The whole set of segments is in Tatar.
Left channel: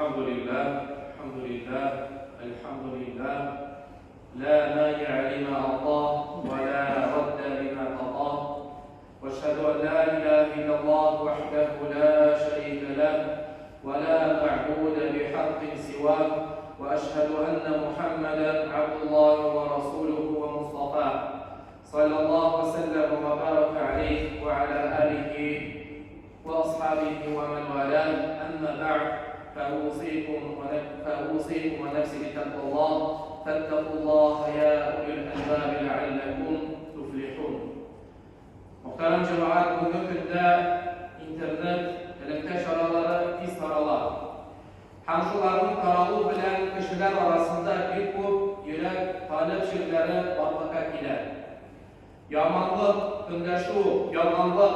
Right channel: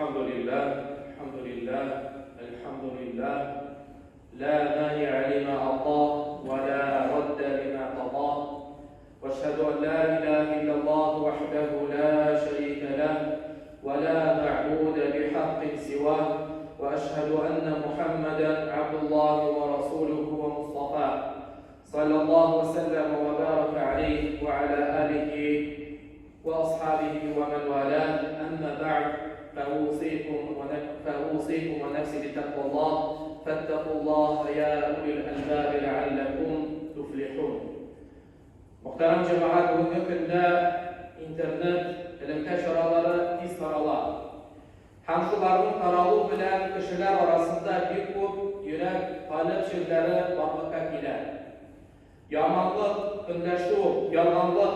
الحمد لله الحمد لله الحمد لله لا مانع لما أعطاه ولا رد لما قضاه واشهد أن لا إله إلا الله وحده لا شريك له ولا معبود بحق سواه وأشهد أن محمدا عبد الله ورسوله ومصطفاه صلى الله وسلم وبارك عليه وعلى آله وأصحابه ومن والاه أما بعد فأوصيكم ونفسي بتقوى الله فاتقوا الله يا أولي الألباب لعلكم تفلحون. Muhterem cemaat, bugün günde internet bilimte şaraları tez taralar. Hem şuların taralı bilen kişiler arasında bir kup yürek talep şirkleri barlığa gider. Yamanlık, gündeşu, yalganlık,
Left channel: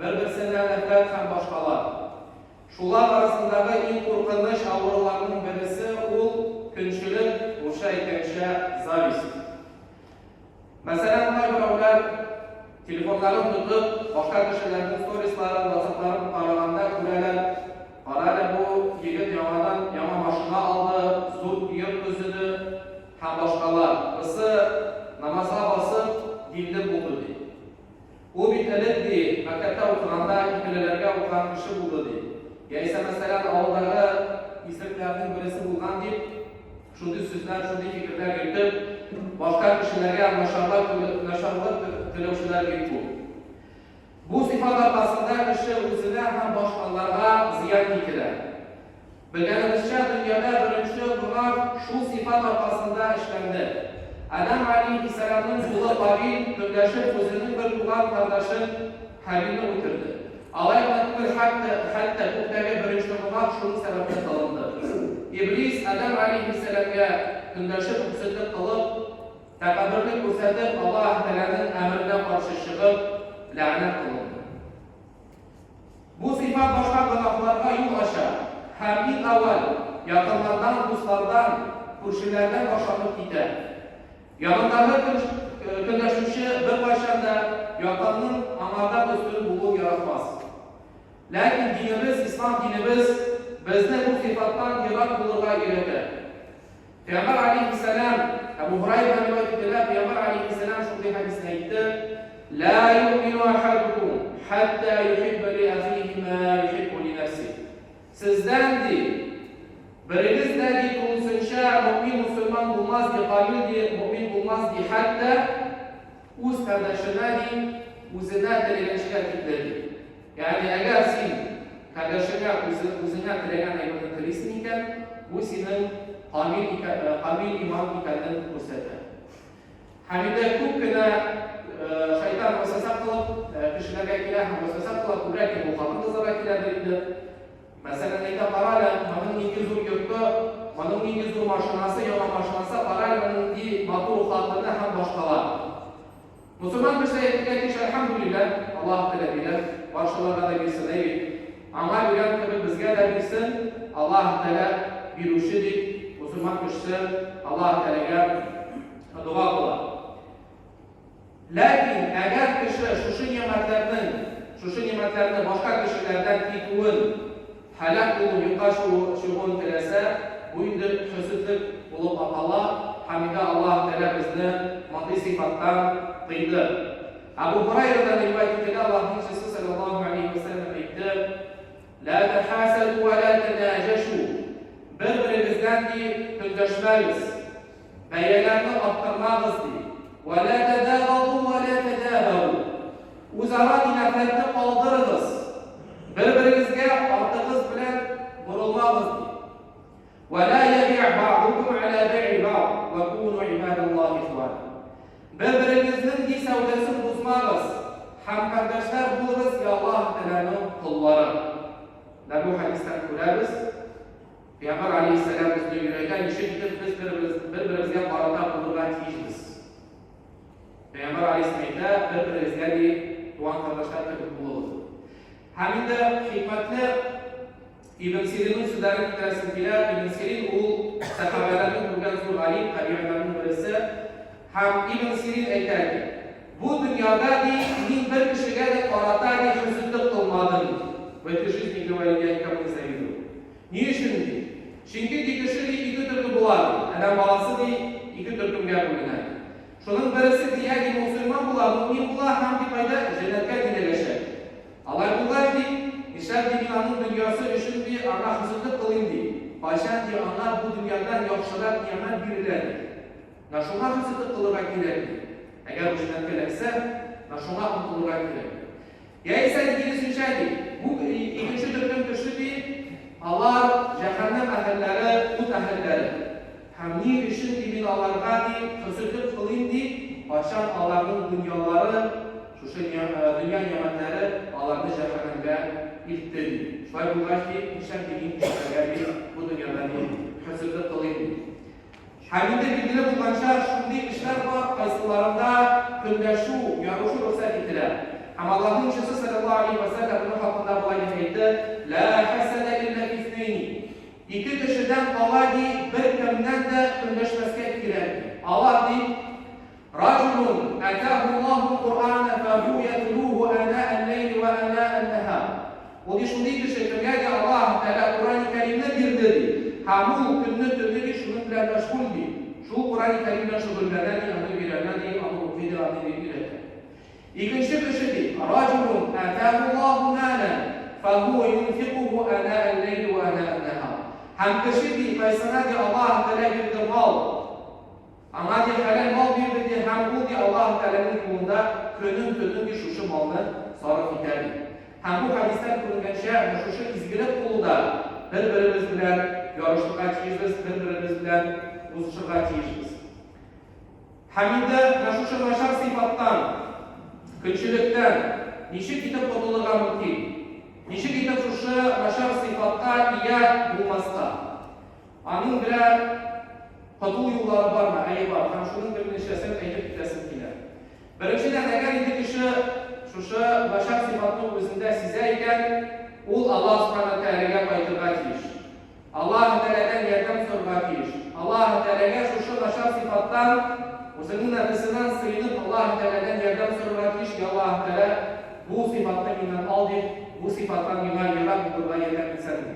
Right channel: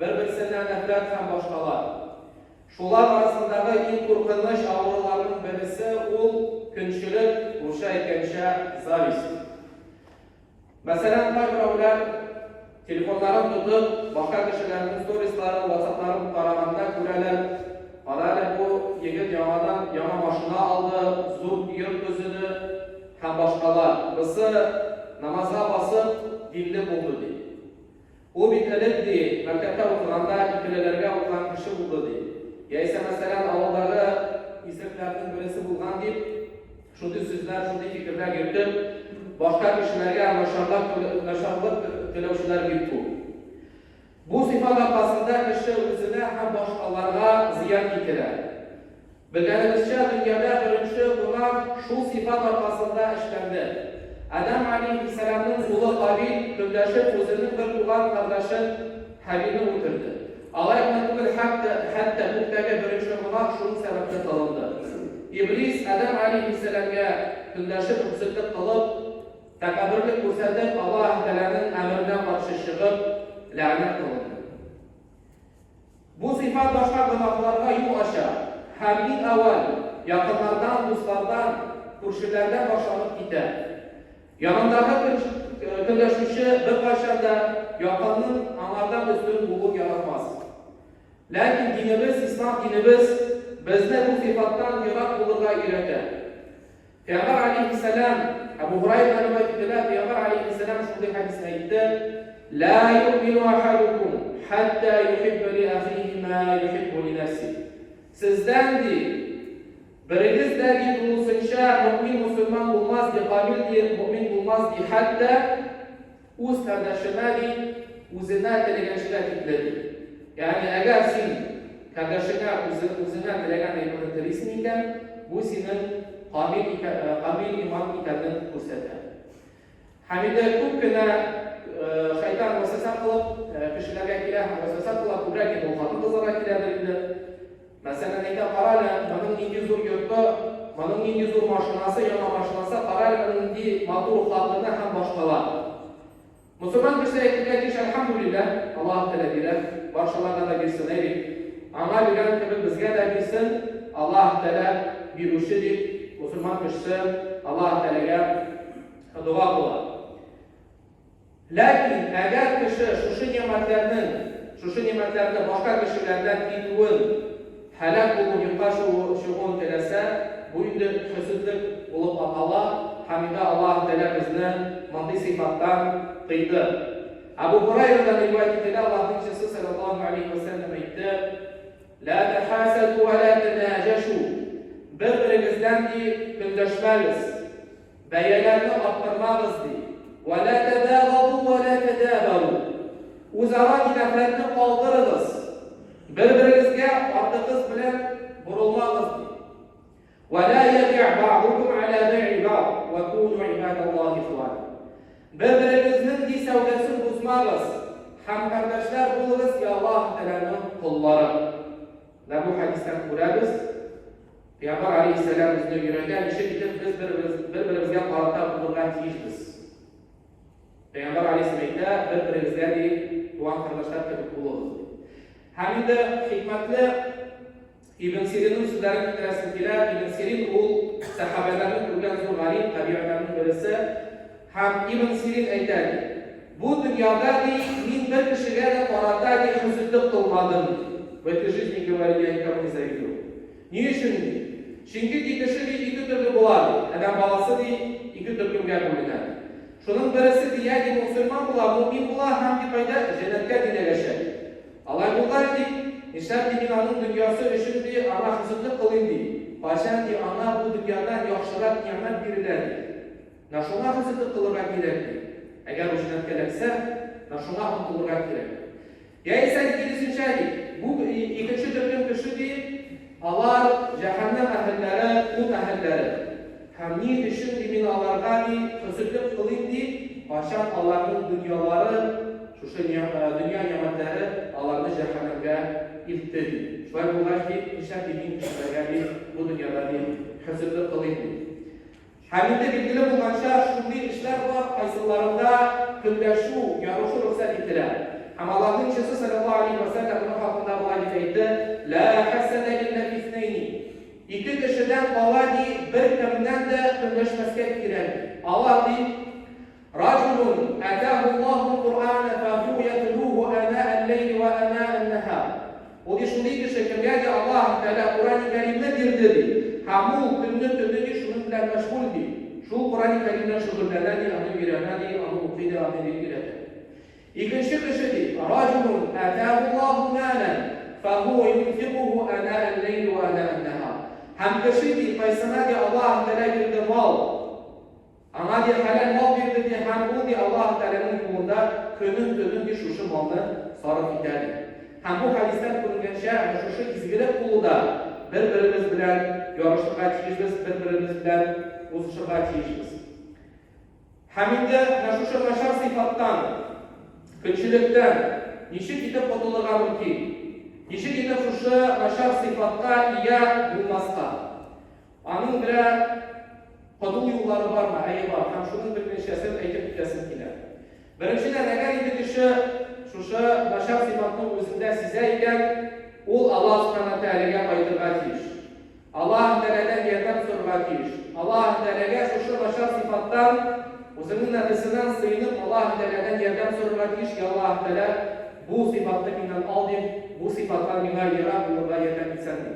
bir-birsinden nefret hem başkalar. Şular arasındaki ilk korkunç ağrılarının birisi ul künçülük, uşa ekenşe zavist. Mesela birovlar telefonlarını tutup başka kişilerin storiesleri, WhatsApp'larını tarağında görürler. Bu yigit yama maşına aldı, zor yurt gözünü hem başkalar. Kısı namaza basıp dilde buldu diye. O bitirilip diye, mektepte okulanda ikilelerine okulan kişi buldu diye. Ya ise mesela ağları isimlerden birisi bulgan deyip, şundi sözler, şundi fikirler götürüp, başka kişilerine naşarlık televşiler gitti. Bu sıfat arkasında kişi özüne hem başkalarına ziyan getirir. Bilgenimizce dünyada birinci günah şu sıfat arkasında işlendi. Adam Aleyhisselam'ın kulu Kabil, kümleşip özünün bir bulan kardeşin Habil'ini öldürdü. Alayetine hatta muhtaki birinci günah şunun sebebine dalındı. İblis Adam Aleyhisselam'a kümleşip özünlük kılıp, tekabürlük gösterip Allah Teala'nın emrine karşı çıkıp lanet kılındı. Bu sıfat başka günahlarga yol aşar. Hem ilk evvel yakınlardan, dostlardan, kurşunlardan başlanıp gider. Yanındaki kırlaşmışı bir başında yakınının amardan üstün bulup yaratmaz. Lakin dinimiz, İslam dinimiz bizde bu sıfattan yırak bulurga gerekir. Peygamber Aleyhisselam, Ebu Hurayra rivayet edilen Peygamber Aleyhisselam şu hadisine gitti. La yu'minu ahadukum hatta yuhibbu li ahihi ma yuhibbu li nefsihi. Sizden değil, biriniz de değil bulunsunca mümin Müslüman olmaz diye, kamil diye, mümin olmaz diye hatta uz kardeşine değil, uzuna dilegençlik etkiledi. Yani eğer sen kardeşine uzuna dilegenlik etkiliysen, bu senin kamil iman ikenini gösterir. Hamide kukuna şeytan vesvese kılıp, kişilere kilah vesvese kılıp, bırakın bu hatun kızlara kilahlarında. Mesela neyde parayla, manın İngilizur yurtta, manın İngilizur maşinası, yana maşinası, parayla manın di batı oklarlarında hem başkalar. Müslüman kişiler etkiledik, elhamdülillah, Allah-u Teala bilir, başkalarına da bilsin, eylik. Ama bilen tabi bizge de bilsin, Allah-u Teala biluşidik, Müslüman kişisi Allah-u Teala'ya dua kılar. Lakin eğer kişi şu nimetlerini başka kişilerden ituğun, helak olup yıkaş şuğun telese, bu yönde hüsüzlük olup atalar, hamide Allah-u Teala bizni maddi sıfattan kıydı. Ebu Hurayra'dan rivayet edilen Allah'ın Resulü sallallahu aleyhi ve sellem etti. La tehasadu ve la tenaceşu. Birbirimizden deyip kündeşmeliz. Beyelerini arttırmalıyız deyip. Ve la tedâgadu ve la tedâberu. Uzaran nefretini kaldırınız. Birbirinizge artığız bilen vurulmalıyız. وَلَا يَبِعْ بَعْضُكُمْ عَلَى بَيْعِ بَعْضٍ وَكُونُوا عِبَادَ اللّٰهِ إِخْوَانًا. Birbirinizin di sevdesini bozmalıyız. Hem kardeşler buluruz ki Allah-u Teala'nın kulları. Ve bu hadisten kurarız. Peygamber Aleyhisselam bizde yüreğden işe gidip biz birbirimizge qarata bulurgan tiyişmiz. Peygamber Aleyhisselam'da birbirimizge di tuğan kardeşler tebrik buluruz. Hem de hikmetli İbn Sirin'in sözlerini bitiresinkiler, İbn Sirin o sahabelerinin bugün zor galip tabi'lerinin birisi. Hem İbn Sirin eylerdi. Bu dünyada değil, min bir kişiye de qarata di hüzünlük kılmadım. Ve kişi izniyle valideyken bize gidiyor. Niçin? Çünkü iki türlü bulardı. Adam balası iki türlü bölünür. Şunun birisi diye Müslüman bular, mümin bular hem bir kayda cennete giderler. Allah bular ki İşler dünyanın dünyası üçün bir ana hızlık kılındı. Başan ki ana bu dünyadan yaxşılar nimet birilerdir. Naşona hızlık kılırak giderdi. Eğer bu işten gerekse, naşona kılırak giderdi. Ya ise ikincisi bu ikinci türlü kişi değil, Allah cehennem ehilleri, kut ehilleri. Hamni için binalarda hızlık kılındı. Başan Allah'ın dünyaları, şu dünya nimetleri Allah'ın cehennemde iltedi. Şuay bulgar ki inşaat dediğin kişileri bu dünyada hazırlık kılındı. Hamide bilgili bulmanca şimdi işler var kayısılarında gündeşu, yarışı rüksel ettiler. Ama Allah'ın işçisi sallallahu aleyhi ve sellem'in hakkında bu ayeteydi. La hasede illa ifneyni. İki kişiden Allah bir kemden de gündeşmeske ettiler. Allah di Racunun atahu Allah'ın Kur'an'a fehu yetluhu ana el-leyli ve ana el-nehar. O di şunday bir şekilde Allah Teala Kur'an-ı Kerim'de girdi. Hamul günlü tünlü şunun bilen meşguldü. Şu Kur'an-ı Kerim'den şuurlardan anı bilenadi, anı ukvidir, anı bilgileri. İkinci kişi Racunun atahu Allahu malen fehu yunfikuhu ana el-leyli ve ana el-nehar. Hem kişi kaysana di Allah Teala girdi mal. Ama di halal mal girdi di hem bu di Allah Teala'nın yolunda könül bir şuşu malını sarf ederdi. Hem bu hadisten kılınca şuşu izgilik kuluda birbirimiz bilen yarışlığa çeyişimiz, birbirimiz bilen uzuşluğa çeyişimiz. Hem de şuşu naşar sıfattan, kötülükten, nişi kitap koduluğa mümkün. Nişi kitap şuşu naşar sıfatta iya bulmazda. Anın birer kodul yolları var mı? Ayı var. Hem şunun bir neşesini eylip bitesin kiler. Birinciden eğer indi kişi şuşu naşar sıfatının özünde size iken ul Allah subhanahu teala'ya bayılırlar kiş. Allah Teala'dan yardım sormak kiş. Allah Teala'ya şuşu naşar sıfattan özünün nefesinden sıyınıp Allah Teala'dan yardım sormak kiş ki Allah Teala bu sıfattan inan aldı, bu sıfattan inan yarak bulurda yerden insandır.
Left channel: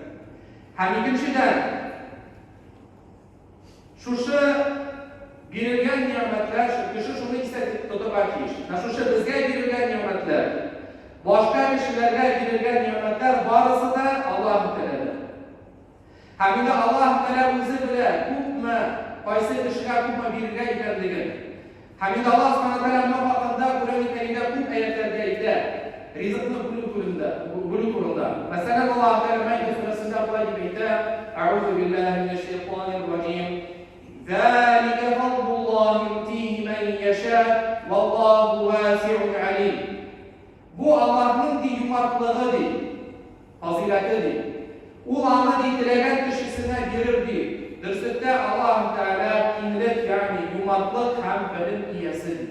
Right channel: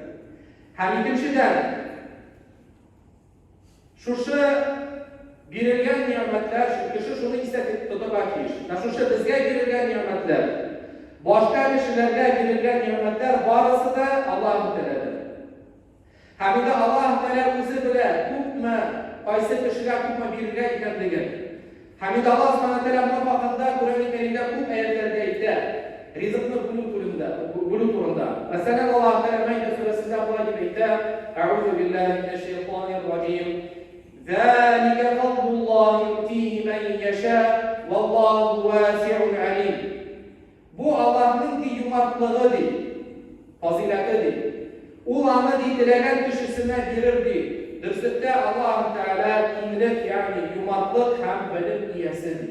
Hem ikinciden şuşu girilgen nimetler, kişi şunu istedik tutmak kiş. Şuşu bizge girilgen nimetler, başka kişilerle girilgen nimetler barısı da Allah Teala'dır. Hem de Allah Teala özü bile hükmü, qaysı kişiler hükmü birge ikenliğin. Hem de Allah subhanahu bakında Kur'an-ı Kerim'de bu ayetlerde ise rizıklı gulu kurunda. Mesela Allah Teala Maide suresinde bu ayette Eûzu billahi mineşşeytanirracim. ذَٰلِكَ فَضْلُ اللّٰهِ يُؤْتِيهِ مَنْ يَشَاءُ وَاللّٰهُ وَاسِعٌ عَلِيمٌ. Bu Allah'ın yumaklığıdır, faziletidir. Ulanı dilenen kişisine girirdi. Dürsütte Allah Teala kimlik yani yumaklık hem benim iyesidir.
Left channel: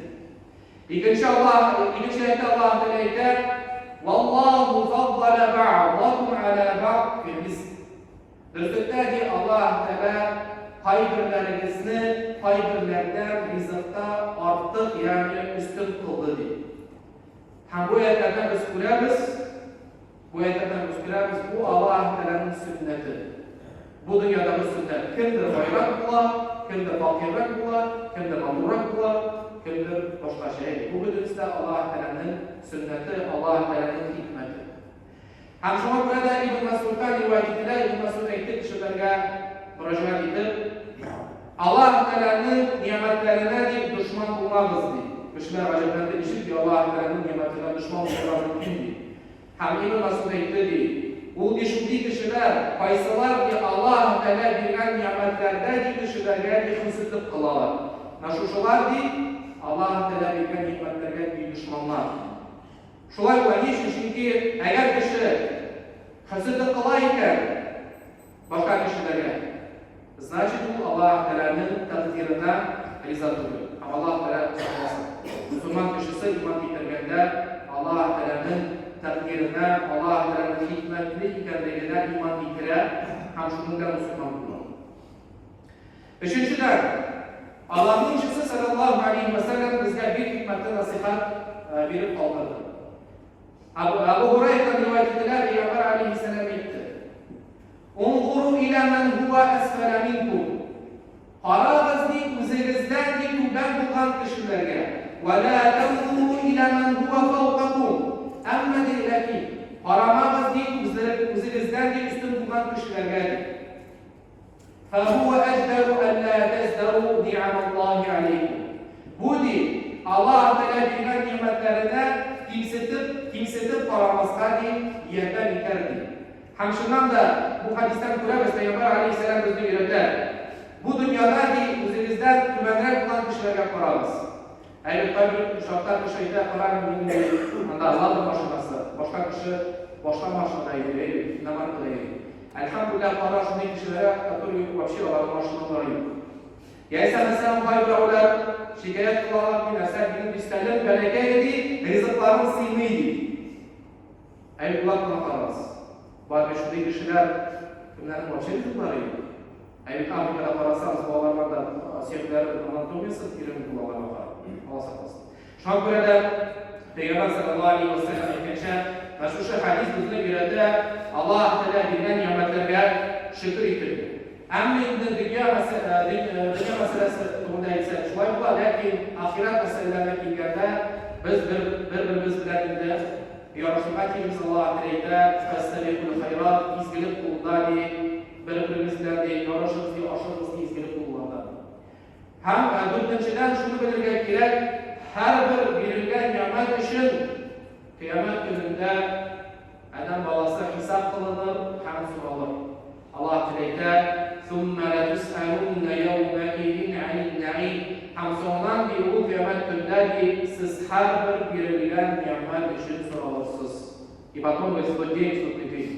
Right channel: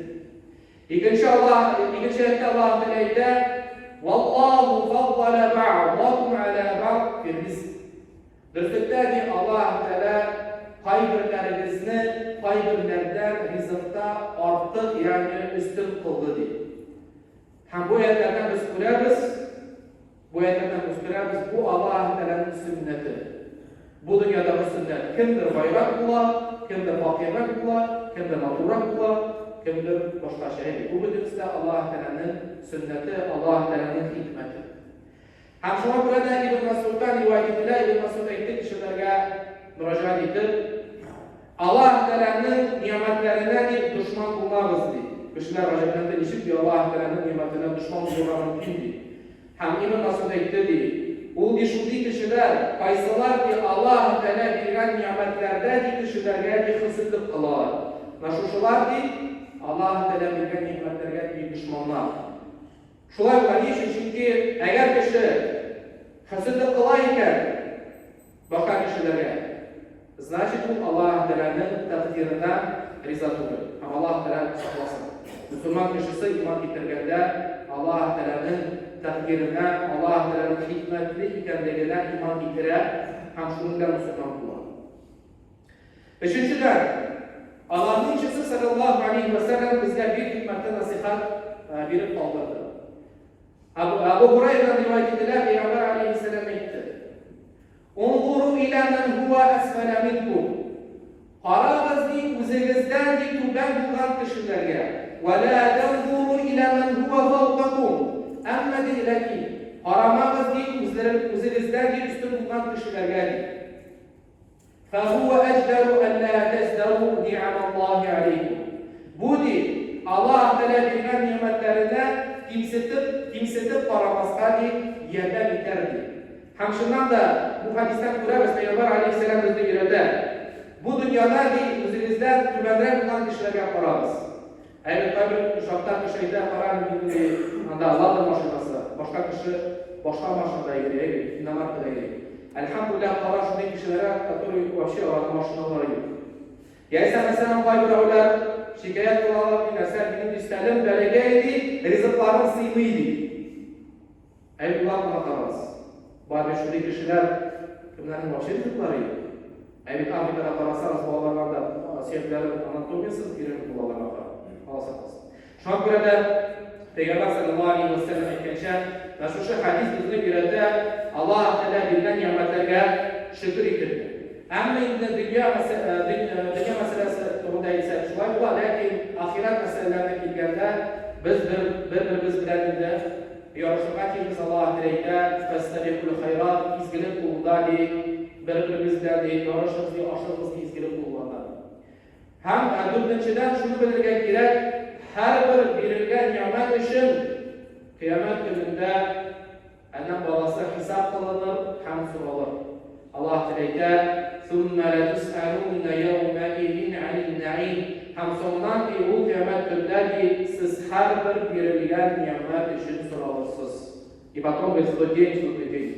İkinci ayette Allah Teala Vallahu faddala ba'dakum ala ba'd fil rizq. Dürsütte Allah Teala payberlerinizi payberlerden rızıkta artık yani üstün kıldı. Hem bu ayetlerden biz kurarız. Bu Allah Teala'nın sünneti. Bu dünyada bu sünnet. Kimdir bayrak bular, kimdir fakirlik bular, kimdir mağdurak bular, kimdir başka şey. Bu bütünüzde Allah Teala'nın sünneti, Allah Teala'nın hikmeti. Hem şuna burada İbn Mesud'dan rivayetiyle İbn Mesud ettik kişilerine müracaat edip Allah Teala'nın nimetlerine düşman bulmamız diye. Kişiler acaba demiştir ki Allah Teala'nın nimetine düşman bulmamız mümkün. Hem İbn Mesud etti. O düşündüğü kişiler, kaysalar ki Allah Teala verilen nimetlerde kişilerine bir hızlık kılar. Naşuşular ki Allah Teala verilen nimetlerine bir düşmanlar. Şulay var niçin? Çünkü eğer kişi hızlık kılarken başka kişilere, значит bu Allah Teala'nın takdirine rizatıdır. Ama Allah Teala saklasın. Müslüman kişisi iman getirgende Allah Teala'nın takdirine, Allah Teala'nın hikmetli ikenliğine iman getirer, hem şunundan Müslüman bulur. Beşinciden, Allah'ın işçisi sallallahu aleyhi ve sellem bizde bir hikmetli nasihat verip kaldırdı. Abu Hurayre'den rivayet edilen Peygamber aleyhisselam etti. Unzuru ila man huwa asfala minkum. Qarag'iz deydi o'zingizdan deydi tuban bo'lgan kishilarga. Va la tanzuru ila man huwa fawqakum. Amma deydi qaramag'iz deydi o'zingizdan deydi ustun bo'lgan kishilarga. Fa huwa ajdaru an la tazdaru ni'amallahi alaykum. Bu deydi Allah Teala bergan ne'matlarini kimsitib qaramasga deydi yerdan bitardi. Ham shundan da bu hadisdan ko'ramiz Payg'ambar alayhisalom bizga beradilar. Bu dunyoda o'zingizdan tumanroq bo'lgan kishilarga qaraymiz. Ayni bir ushaqdan o'shayda qaraymiz, unda Alloh mashinasi, boshqa kishi boshqa mashinada yuradi, nima qiladi. Alhamdulillah qara shunday kishilarga, которые вообще Alloh mashinalari yo'q. Ya'sa masalan ular shikoyat qiladilar, narsa bilib istalim, balagaydi, rizqlarim siymaydi. Ayni ularga qaraymiz. Bazı şunday kishilar kimlarning boshqa rizqlari yo'q. Ayni Afrikada qarasangiz, bolalarda suyaklari anatomiyasi kerak bolalar bor. Xolos. Shunga ko'ra Payg'ambar sallallohu alayhi vasallam aytgancha, mana shu hadis bizga beradi, Alloh taolo bergan ne'matlarga shukr etadi. Ammo endi dunyo masalasi to'g'rida esa shunday bo'ladi, lekin oxirat masalalariga kelganda biz bir-birimiz bilan yorishib Alloh taolo fastabiqul khayrat izgilib qo'ldagi bir-birimiz bilan yorishishni oshirishni izgilib qo'llarda. Ham to'rtinchidan shuni bildirgan kerak, har bir berilgan ne'mat uchun qiyomat kunida adam bolasi hisob qilinib, ham so'ralib. Alloh taolo "Summa la tus'alunna yawma idin 'anil na'im." Ham sondan u qiyomat kunida siz har bir berilgan ne'mat uchun so'ralasiz. И потом в тот день, в тот день,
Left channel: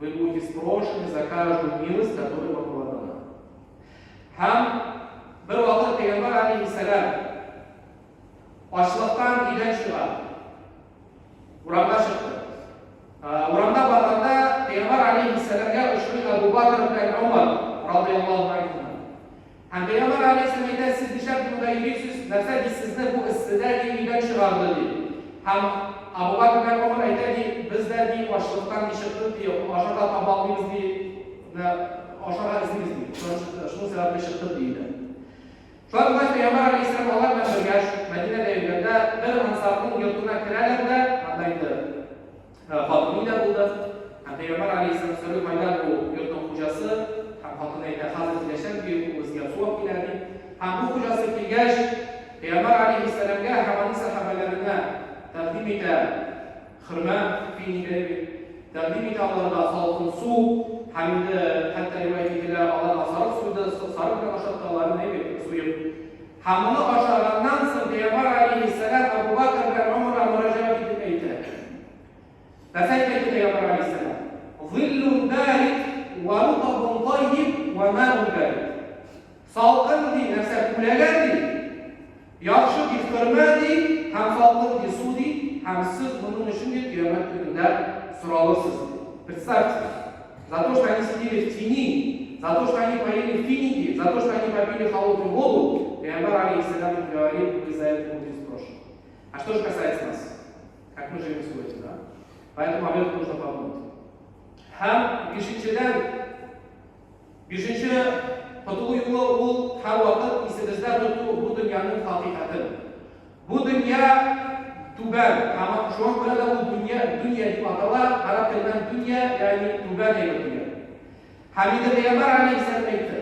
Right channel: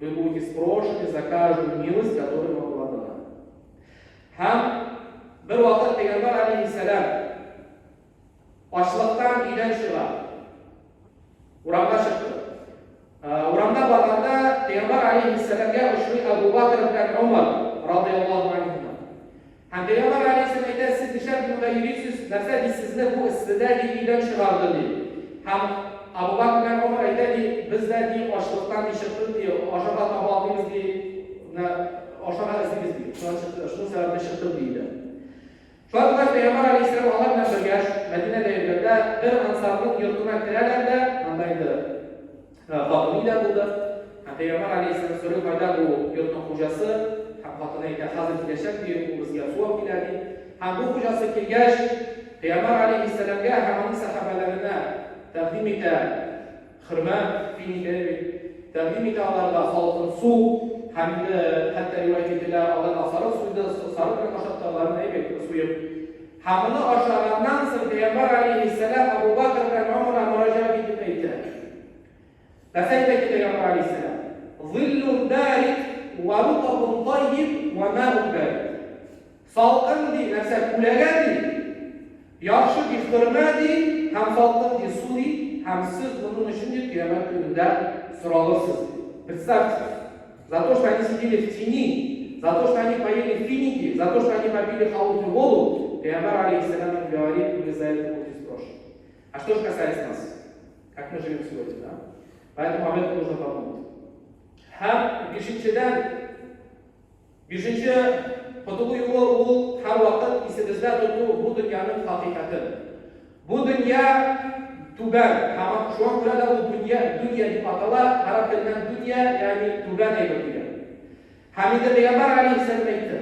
вы будете спрошены за каждую милость, которая вам была дана. Ham bir vaqt Payg'ambar alayhissalom ochliqdan uydan chiqdi. Uramda chiqdi. Uramda borganda Payg'ambar alayhissalomga ushbu Abu Bakr bilan Umar radhiyallohu anhu. Ham Payg'ambar alayhissalom aytadi, siz nishon qilmaysiz, narsa sizni bu istidagi uydan chiqardi dedi. Ham Abu Bakr bilan Umar aytadi, bizlarni ochliqdan chiqdik, oshirda taboqimiz deydi, oshirda izimiz deydi. Shu sababli chiqdik deydi. Shunday Payg'ambar alayhissalom Alloh bilan birga Madinaga kelganda bir ansarning yurtiga kirarlarda, qandaydir xotinida bo'ldi. Payg'ambar alayhissalom so'rab qo'ydilar, u yurtning xo'jasi, ham xotini aytadi, hozir yashab bizga so'rab keladi. Ham bu xo'jasi kelgach, Payg'ambar alayhissalomga hamma sahobalarga taqdim etadi. Xirma finiga taqdim etadilar, salqin suv hamda hatta rivoyatlar Alloh sariq suvda sariq bilan oshirganlarni aytib suyib. Hamini oshirgandan so'ng Payg'ambar alayhissalom Abu Bakr bilan Umarga murojaat etib aytadi. Nasayda Payg'ambar alayhissalom: "Zillun barid va rutbun tayyib va ma'un barid." Salqin narsa kulagandi. Yaxshi xirmadi, ham salqin suvdi, ham siz bunun uchun qiyomat kunida so'ralasiz. Представьте, за то, что они сидели в тени, за то, что они поели финики, за то, что они попили холодную воду, Пейгамбар алейхиссалям говорит, вы за это будете спрошены. А что же касается нас? Как мы живем сегодня, да? Поэтому об этом нужно подумать. Ham beshinchidan qutuq yo'l ham vaqt esimizda turib bu dunyoning haqiqati. Bu dunyo tuban, hamma shu ko'rada bu dunyo deb ataladi, arab tilidan dunyo ya'ni tuban deya. Hamida Payg'ambar alayhissalom aytdi.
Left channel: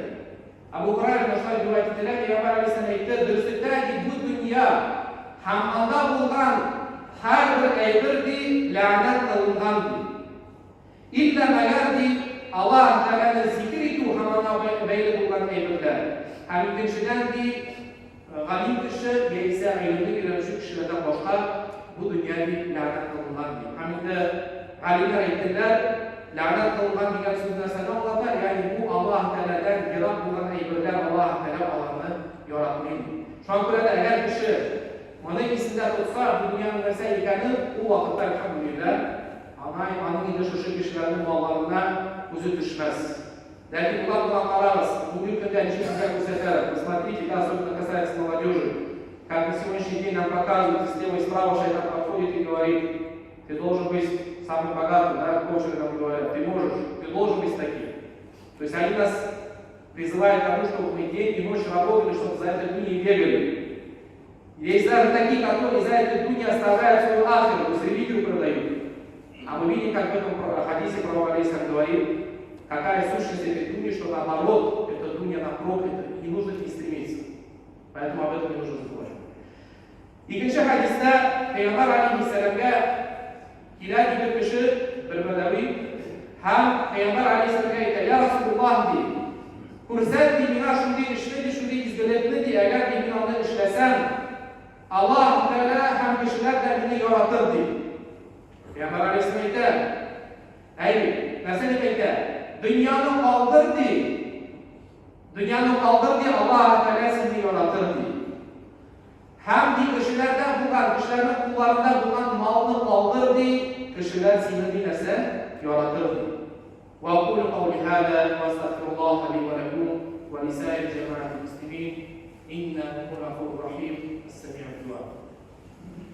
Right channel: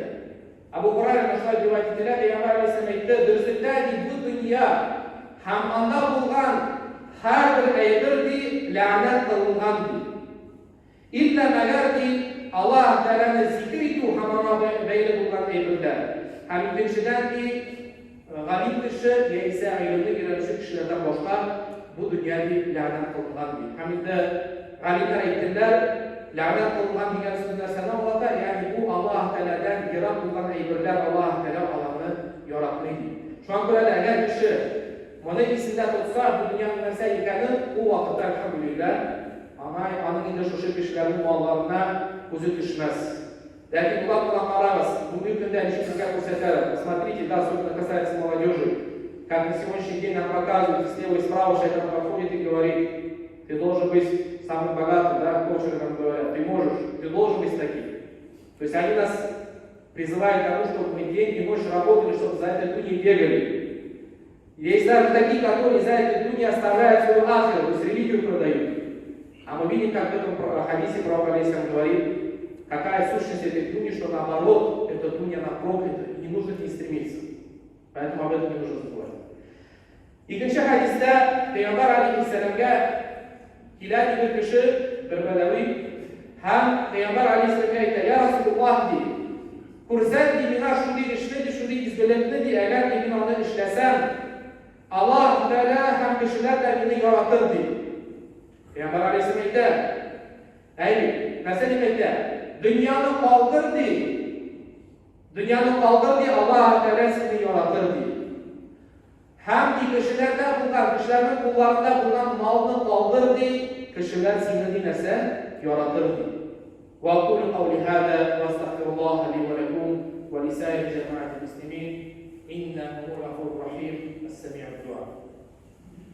Abu Hurayra boshqa rivoyatlarda Payg'ambar alayhissalom aytdi, "Durustdagi bu dunyo ham anda bo'lgan har bir aybirdi la'nat qilingandir. İlla magardi Allah Teala'nın zikritu hamana beyli olan aybirler. Hem ikkinchidan g'anim kishi esa ilmga kiruvchi kishilardan boshqa bu dunyoga la'nat qilingandir. Hamda g'alimlar aytdilar, la'nat qilingan degan narsani oladi, ya'ni bu Alloh Taoladan yiroq bo'lgan aybirlar Alloh Taolo olamni yaratmaydi. Shunga ko'ra agar kishi mana esida tutsa bu dunyoning narsa ekani, u vaqtda alhamdulillah aning endi shu kishilarning mollariga o'zi tushmas. Lekin ular bilan qaramiz, bugungi kunda bizga ko'rsatadi. Посмотрите, да, особенно касается молодежи. Как на сегодняшний день нам показывают, слева и справа шайтан подходит и говорит: ты должен быть самым богатым, да, коучингом говорят, ты можешь, ты должен быть таким. То есть они нас призывают к тому, чтобы мы день и ночь работали, чтобы за эту дунью бегали. Есть даже такие, которые за эту дунью оставляют свою ахиру, то есть религию продают. А мы видим, как в этом хадисе пророк алейхиссалям говорит, какая сущность этой дуни, что наоборот, эта дуня она проклята, и не нужно к ней стремиться. Поэтому об этом не нужно забывать. Ikkinchi hadisda Payg'ambar alayhissalomga keladi bir kishi, bir badaviy ham Payg'ambar alayhissalomga aytadi: "Ya Rasululloh, deydi, ko'rsatdi menga shunday ishni, shunday izbilakni, deydi, agar men uni ishlasam, Alloh taolo ham kishilardan meni yaratir", deydi. Payg'ambar alayhissalom aytadi: "Ey, narsa deb aytadi? Dunyoni qoldir, deydi. Dunyoni qoldir, deydi, Alloh taolo seni yaratir", deydi. Hamdi kishilardan bo'lgan, kishilarning qo'llaridan bo'lgan molni qoldirdi, kishilar seni dinasa yaratirdi. Va aqulu qawli hada va astaghfirulloh li va lakum va li sa'ir jama'atil muslimin innahu ghafurur rahim. As-sami'u du'a.